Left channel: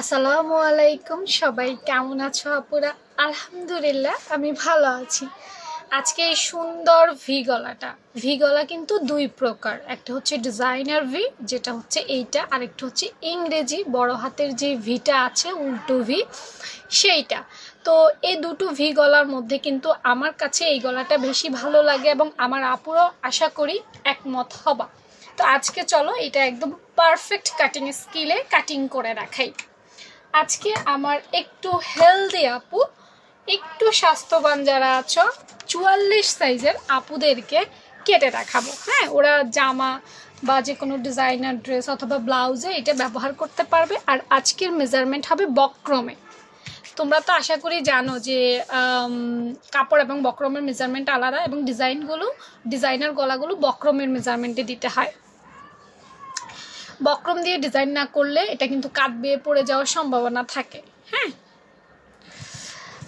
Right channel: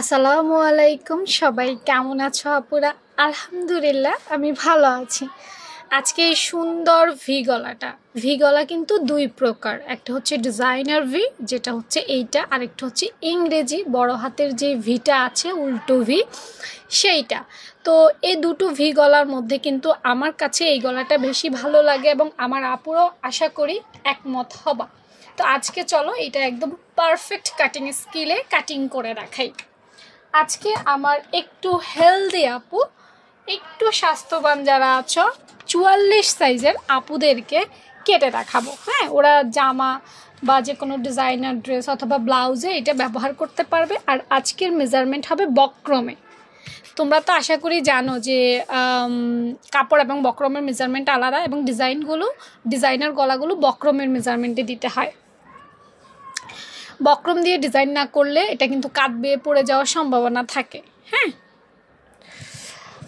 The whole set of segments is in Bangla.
আসসালামু আলাইকুম, সবাই কেমন আছো আপুরা? আলহামদুলিল্লাহ আমি ভালো আছি। আজকে এই সুন্দর ভি গলা কিন্তু দুই প্রকার, একটা হচ্ছে ডিজাইনার ভি, যেটা হচ্ছে এইটা, আরেকটা হচ্ছে ইংরেজি বড় হাতের যে ভিটা আছে, উল্টো ভি, সেইটা। তো এই দুটো ভি গলার মধ্যে কিন্তু আমার কাছে এই গলাটা বেশি ভালো লাগে এবং আমার আপুরাও আশা করি একমত হবা। তো আজকে চলো এটা একদম পারফেক্ট কাটিং স্কিলে কাটিং করে রাখাই। আজকে আমার একটু হেলদি আপু, একটু স্বাস্থ্যবান যারা আছো, 44 সাইজের আপুদেরকে কেটে দেখাবো। হ্যাঁ, ওরা জামা বা যে কোনো ডিজাইনার ড্রেস অথবা ব্লাউজে এটা ব্যবহার করতে পারবে। আর আজকের মেজারমেন্ট হবে বক্রমে। তোমরা তো আশা করি জানো যে কাপড় এবং বক্রমের মেজারমেন্ট আলাদা, এবং ডিজাইনার গলাগুলো বক্রমের মেজারমেন্টে দিতে হয়। বক্রম দিয়ে ডিজাইন না করলে এটা কিন্তু কাট বেয়ে পড়ে যাওয়ার সম্ভাবনা থাকে। হ্যাঁ,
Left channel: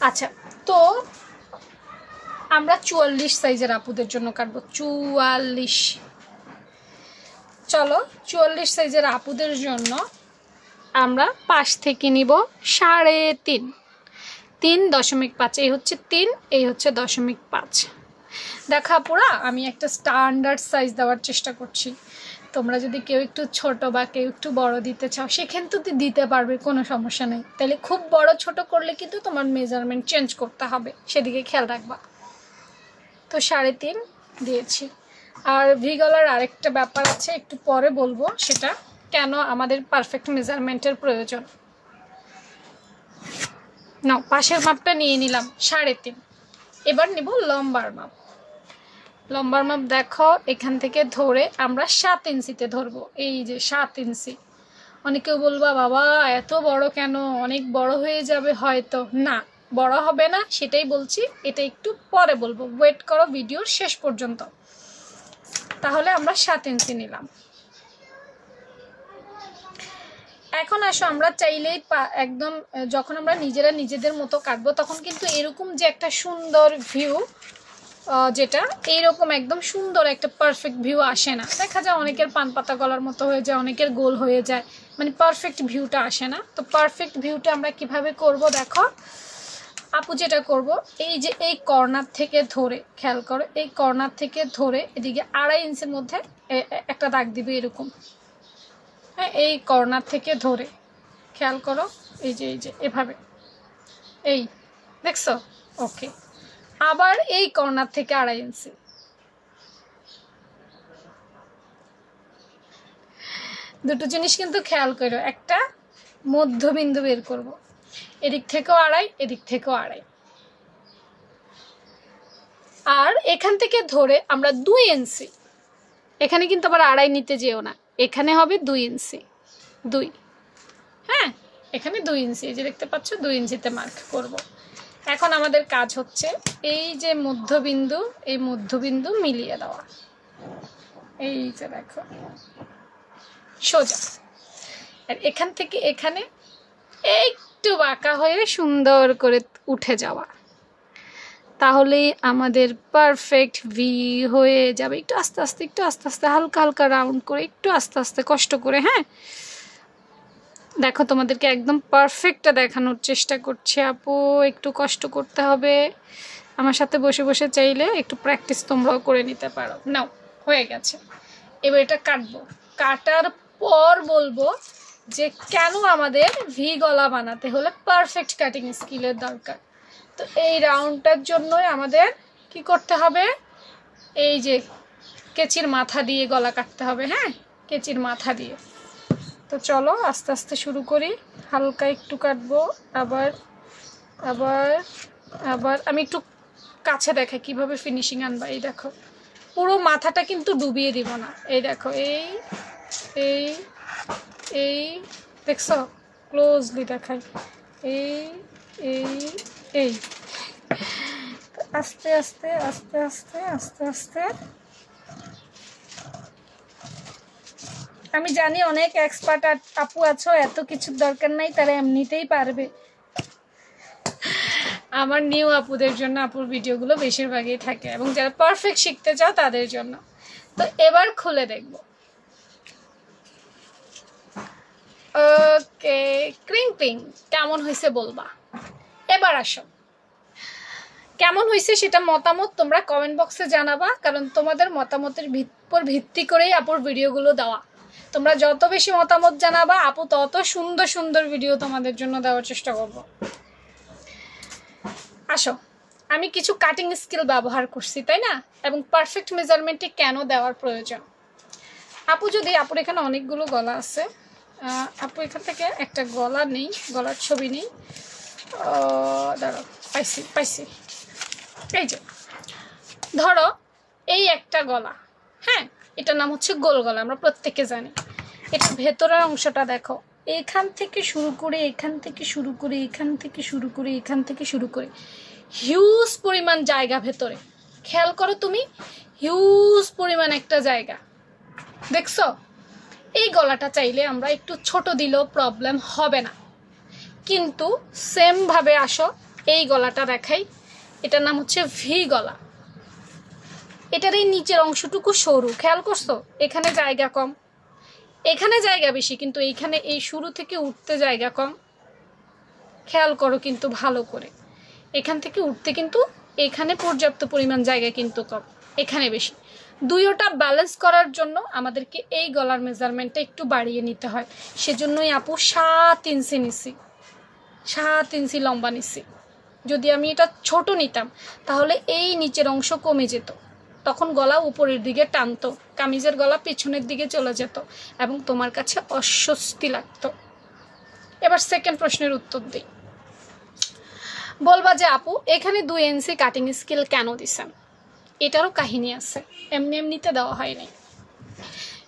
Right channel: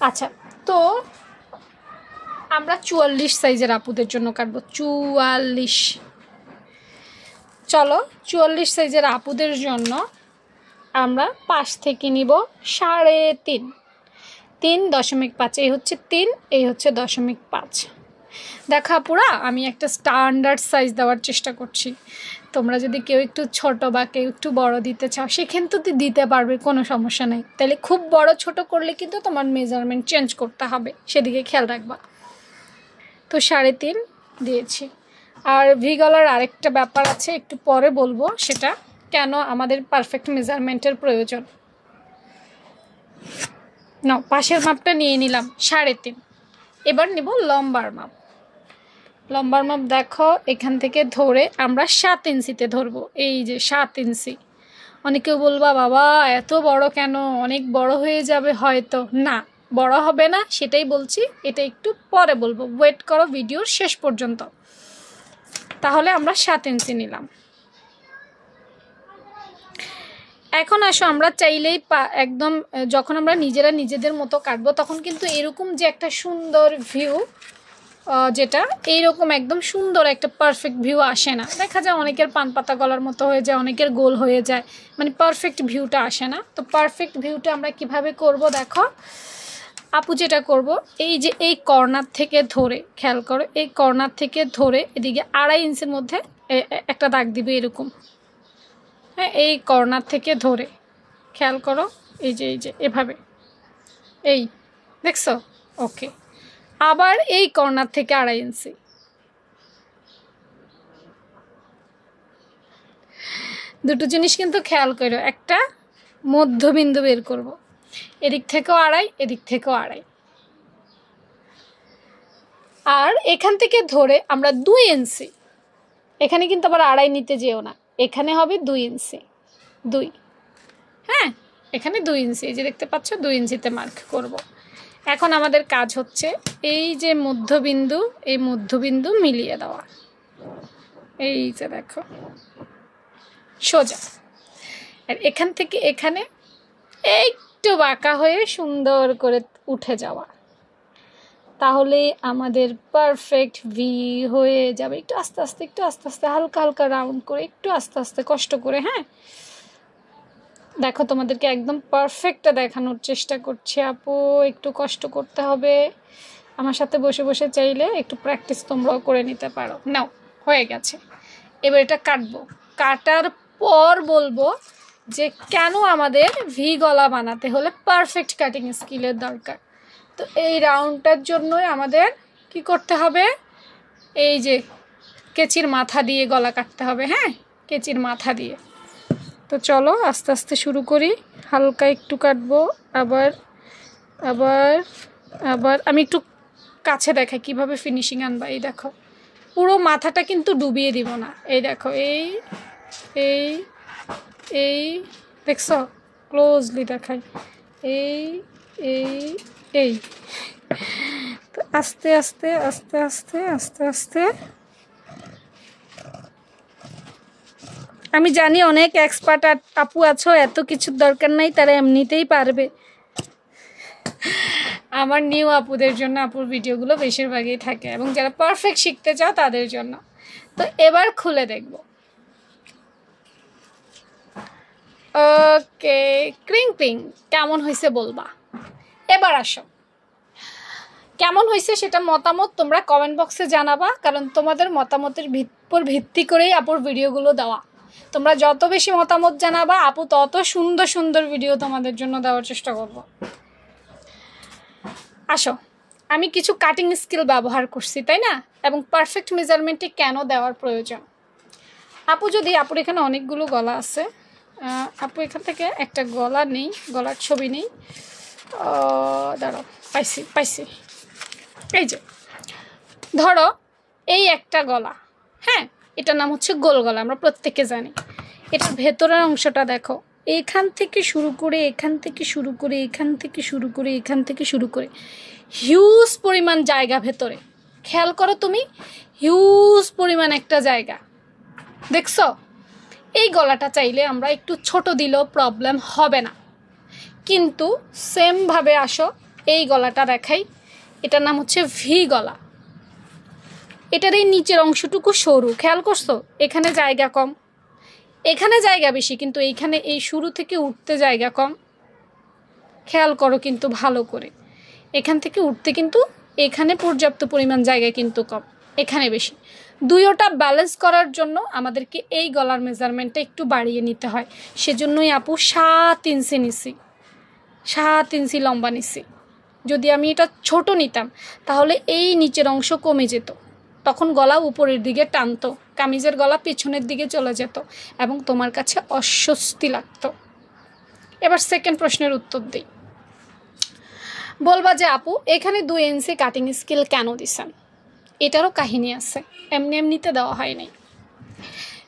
আচ্ছা, তো আমরা 44 সাইজের আপুদের জন্য কাটবো। 44, চলো 44 সাইজের আপুদের জন্য আমরা পাশ থেকে নিব 3.5, 3.5। এই হচ্ছে 3, এই হচ্ছে 0.5। দেখো আপুরা, আমি একটা স্ট্যান্ডার্ড সাইজ দেওয়ার চেষ্টা করছি। তোমরা যদি কেউ একটু ছোট বা কেউ একটু বড় দিতে চাও, সেখানে তো দিতে পারবে, কোনো সমস্যা নেই। তাহলে খুব বড় ছোট করলে কিন্তু তোমার মেজারমেন্ট চেঞ্জ করতে হবে, সেদিকে খেয়াল রাখবা। তো 3.5 দিয়েছি। আর ভি গলার আরেকটা ব্যাপার আছে, একটু পরে বলবো সেটা কেন আমাদের পারফেক্ট মেজারমেন্টের প্রয়োজন। না, পাশের মাপটা নিয়ে নিলাম 3.5। এবার নিব লম্বার মাপ। লম্বার মাপ দেখো, এখান থেকে ধরে আমরা 7 ইঞ্চিতে ধরবো। এই যে 7 ইঞ্চি। অনেকেও বলবা বাবা এত বড় কেন, অনেক বড় হয়ে যাবে হয়তো। না, বড় হবে না, সেটাই বলছি। এটা একটু পরে বলবো, ওয়েট করো ভিডিওর শেষ পর্যন্ত। তাহলে আমরা 7 ইঞ্চি নিলাম। এখন আসো, আমরা চাইলেই একদম যখন আমরা নিজেরা নিজেদের মতো কাটবো, তখন কিন্তু এরকম যে একটা সুন্দর ভিউ, যেটা এইরকম একদম সুন্দর একটা পারফেক্ট ভিউ আসে না। দেখা যায় অনেকের পান পাতা গলার মতো হয়ে যায়, অনেকের গোল হয়ে যায়, মানে পারফেক্ট ভিউটা আসে না। তো পারফেক্ট ভিউটা আমরা কিভাবে করব দেখো আপু, যেটা করব, এই যে এই কর্নার থেকে ধরে, খেয়াল করো, এই কর্নার থেকে ধরে এদিকে 2.5 ইঞ্চির মধ্যে একটা দাগ দিবে এরকম। হ্যাঁ, এই কর্নার থেকে ধরে খেয়াল করো, এই যে এভাবে, এই দেখছো? ওকে। আবার এই কর্নার থেকে 2.5 ইঞ্চি। দুটো জিনিস কিন্তু খেয়াল করো, একটা মধ্যবিন্দু বের করব, এদিক থেকেও 2.5, এদিক থেকেও 2.5। আর এখান থেকে ধরে আমরা 2 ইঞ্চি, এখানে কিন্তু আবার 2.5 নিতে যেও না, এখানে হবে 2 ইঞ্চি, 2। হ্যাঁ, এখানে 2 ইঞ্চি, এই যে দেখতে পাচ্ছ, 2 ইঞ্চিতে মার্ক করব। এখন আমাদের কাজ হচ্ছে এই যে মধ্যবিন্দু, এই মধ্যবিন্দু মিলিয়ে দেওয়া। এই যে দেখো, সোজা। আর এখান থেকে এখানে একটু বাঁকা হয়ে সুন্দর করে উঠে যাওয়া, তাহলে আমাদের পারফেক্ট ভি হয়ে যাবে। একটু আস্তে আস্তে, একটু আস্তে আস্তে, হালকা হালকা রাউন্ড করে, একটু আস্তে আস্তে কষ্ট করে। হ্যাঁ, দেখো তোমাদেরকে একদম পারফেক্টটা দেখানোর চেষ্টা করছি আপু, একটু কষ্ট করতে হবে। আমার সাথে বসে বসে চাইলে একটু প্র্যাকটিস তোমরাও করে নিতে পারো। নাও, হয়ে গেছে। এবার এটা কাটবো। কাটার পর বলবো যে কেন আমাদের ভি গলা বানাতে হলে পারফেক্ট কাটিং স্কিলের দরকার। তো এই রাউন্ডটার জন্যই আমাদের কি করতে হবে, এই যে কেচির মাথা দিয়ে গলা কাটতে হবে। হ্যাঁ, কেচির মাথা দিয়ে। তো চলো আস্তে আস্তে শুরু করি, হালকা একটু কাটবো। আবার আবার আবার আমি একটু কাছে দেখাই কিভাবে ফিনিশিং আনবা। এই দেখো, পুরো মাথাটা কিন্তু ডুবিয়ে দিব না। এই দেখো, এই এই এই দেখছো, ক্লোজলি দেখাই, এই এই এই। আস্তে আস্তে আস্তে আস্তে আস্তে আস্তে। আমি জানি অনেক এক্সপার্ট আপু আছো, এত কিছুর দরকার নাই, তারা এমনিতেই পারবে। আমার নিউ আপুদের জন্য আপুর ভিডিওগুলো বেশিরভাগই থাকে, এবং যারা পারফেক্ট শিখতে চাও তাদের জন্য। তো এবার খুলে দেখব। ওকে, ক্রিং ক্রিং কেমন হয়েছে বলবা। এবার আসো, কেমন হয়েছে সেটা মতামত তোমরা কমেন্ট বক্সে জানাবা, কারণ তোমাদের মতামতের উপর ভিত্তি করেই আপুর ভিডিওগুলো দেওয়া। তোমরা যত বেশি মতামত জানাবা আপু তত সুন্দর সুন্দর ভিডিও তোমাদের জন্য দেওয়ার চেষ্টা করব। আসো, আমি কিছু কাটিং স্কিল ব্যবহার করছি তাই না, এবং পারফেক্ট মেজারমেন্টে কেন দেওয়ার প্রয়োজন। আপু যদি, আপুর এখানে অনেকগুলো গলা আছে, আপু এখান থেকে একটা গলা নেই, গলার ছবি নেই, দাঁড়াও, পাইছি এই যে ধরো এই একটা গলা, হ্যাঁ এটার নাম হচ্ছে গোল গলা, আমরা প্রত্যেকে জানি। এটার ভেতরের অংশটা দেখো, এখান থেকে শুরু করে এখান থেকে শুরু করে এখান থেকে শুরু করে এখান থেকে শুরু করে হিউজ পরিমাণ জায়গা ভেতরে, খেয়াল করো তুমি, হিউজ পরিমাণ একটা জায়গা দেখছো। এই গলাটা চাইলে আমরা একটু ছোট দিলেও প্রবলেম হবে না, কিন্তু সেমভাবে আসো এই গলাটা দেখাই, এটার নাম হচ্ছে ভি গলা। এটার এই নিচের অংশটুকু সরু, খেয়াল করছো, এখানে জায়গা কম, এখানে জায়গা বেশি, কিন্তু এইখানে এই শুরু থেকে উঠতে জায়গা কম। খেয়াল করো কিন্তু ভালো করে, এখান থেকে উঠতে কিন্তু এখানে পর্যাপ্ত পরিমাণ জায়গা কিন্তু কম, এখানে বেশি। দুইটা ব্যালেন্স করার জন্য আমাদেরকে এই গলার মেজারমেন্টটা একটু বাড়িয়ে নিতে হয়। সেজন্যই আপু 7 ইঞ্চি নিছি, 7 ইঞ্চি লম্বা নিছি। যদি আমি এটা ছোট নিতাম তাহলে এই নিচের অংশ কমে যেত, তখন গলা উপরের দিকে টানতো, কামিজের গলা পেছনের দিকে চলে যেত এবং তোমার কাছে অস্বস্তি লাগতো। এবার সেকেন্ড প্রশ্নের উত্তর দিই। বলবা যে আপু এখানে 2 ইঞ্চি কাটিং স্কেল কেন দিছেন? এটারও কাহিনী আছে, এমনি এমনিতে দেওয়া হয়নি।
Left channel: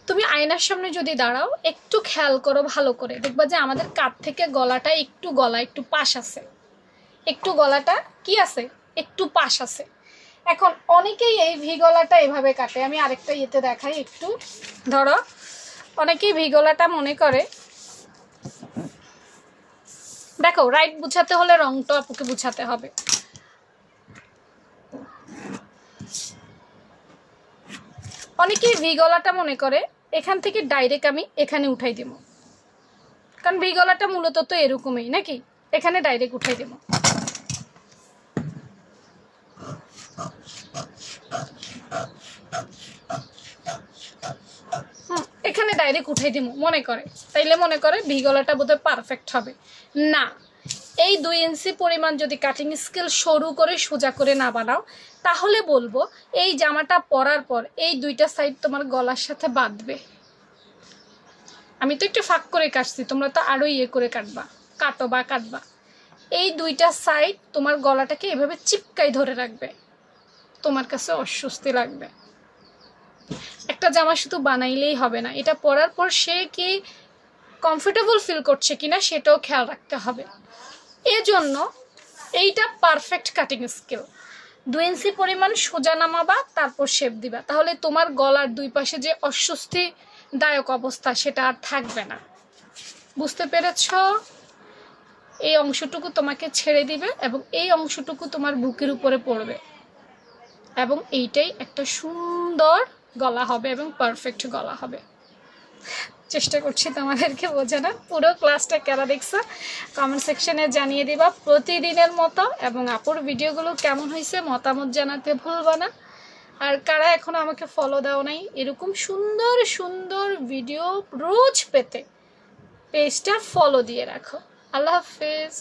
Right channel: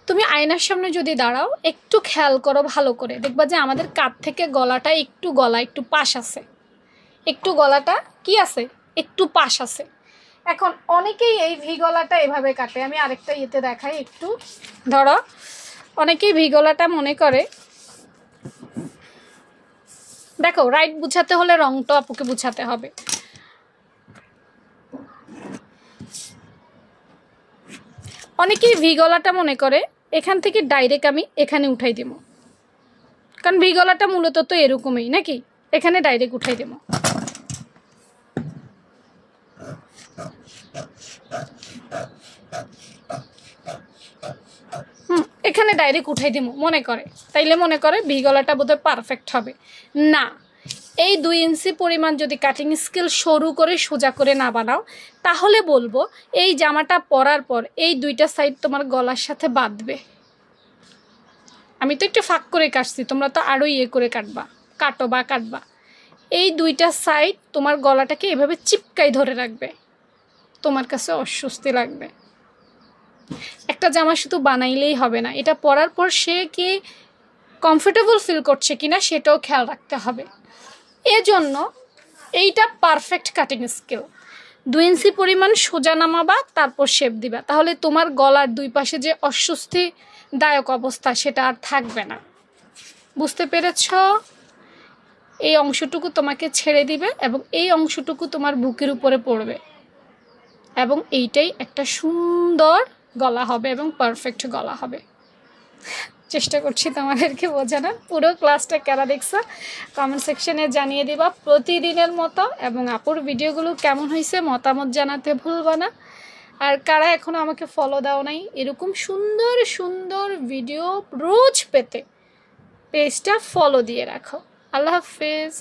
তুমি আয়নার সামনে যদি দাঁড়াও, একটু খেয়াল করো ভালো করে, দেখবা যে আমাদের কাঁধ থেকে গলাটা একটু, গলা একটু পাশ আছে, একটু গলাটা কি আছে, একটু পাশ আছে। এখন অনেকেই এই ভি গলাটা এভাবে কাটে, আমি আরেকটা ইয়েতে দেখাই একটু। ধরো অনেকেই ভি গলাটা মনে করে, দেখো রাইট বুঝাতে হলে রংটা আপুকে বুঝাতে হবে। অনেকেই ভি গলাটা মনে করে এখান থেকে ডাইরেক্ট আমি এখানে উঠাই দেব, কারণ ভি গলাটা মূলত তো এরকমই নাকি, এখানে ডাইরেক্ট উঠাই দেব। এখানে ডাইরেক্ট উঠাই দিব মনে করে, তাইলে মনে করে ভি গলাটা বোধহয় পারফেক্ট হবে না। এই 2 ইঞ্চি পরিমাণ যদি কাটিং স্কেল সরু করে সোজা করে না বানাও, তাহলে বলবো এই জামাটা পরার পর এই দুইটা সাইড তোমার গলার সাথে বাঁধবে। আমি তো একটু ফাঁক করে কাটছি, তোমরা তো আরো ইয়ে করে কাটবা। এই দুইটা সাইড তোমার গলাটাকে এভাবে চিপকাই ধরে রাখবে, তোমার কাছে অস্বস্তি লাগবে। একটা জামা শুধু বানাইলেই হবে না, এটা পরার পর সে কি কমফোর্টেবল ফিল করছে কিনা সেটাও খেয়াল রাখতে হবে। এজন্য এইটা পারফেক্ট কাটিং স্কেল। 2 ইঞ্চি পরিমাণ সোজা নামাবা, তারপর শেপ দিবা, তাহলে তোমার গলার দুই পাশে যে অস্বস্তিদায়ক অবস্থা সেটা আর থাকবে না। বুঝতে পেরেছ? এই অংশটুকু তোমাকে ছেড়ে দিবে এবং এই অংশটুকু তোমার বুকের উপরে পড়বে, এবং এইটাই একটা সুন্দর গলা হবে এবং পারফেক্ট গলা হবে। চেষ্টা করছি তোমাদেরকে বোঝানোর। পুরো ক্লাসটা কারা দেখছো কমেন্ট সেকশনে জানিয়ে দিবা প্রতিদিনের মতো, এবং আপুর ভিডিওগুলো কেমন হয়েছে মতামত জানাতে ভুলবা না। আর কারা এখনো আমাকে ফলো দাও নাই, এরকম সুন্দর সুন্দর ভিডিও রোজ পেতে পেজটা ফলো দিয়ে রাখো। আল্লাহ হাফেজ।